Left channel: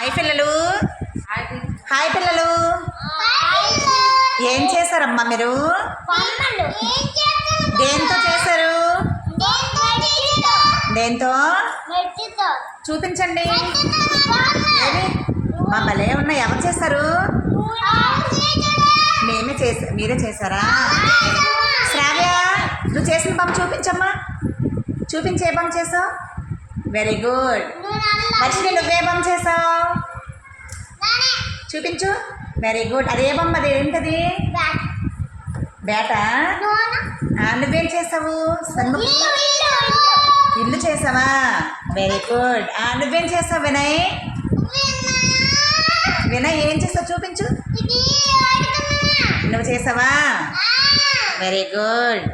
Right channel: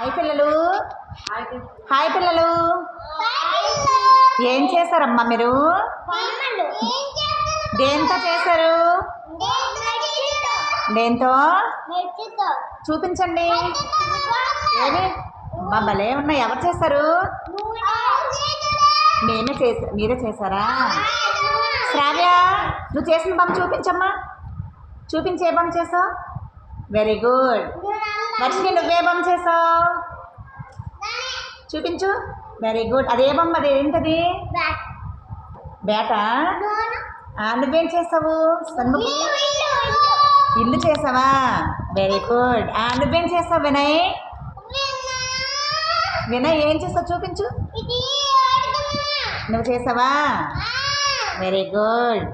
Hi పిల్లలు. Hi పిల్లలు. ఏం చేశారమ్మా మీరు? దేంతో చేశారు? దేంతో చూపించండి. ఏమి మా భలే ఉన్నాయి. ఎవరు చేశారు? మీరే చేశారా? శ్రావ్య, నువ్వు చేసిన బొమ్మ చూపించమ్మా. చూపించే బొమ్మ చేసావు? Very good. వర్షిని, నువ్వే బొమ్మ చేసావు? చూపించు. Very good. అదే బొమ్మ, అది ఏంటది? బేటా? నువ్వేం చేసావు? ఇల్లు చేసావా? Very good. నువ్వేం చేసావు వినయ్? వినయ్ ఏం చేసావు చూపించు. నువ్వు చేసావా? Very good.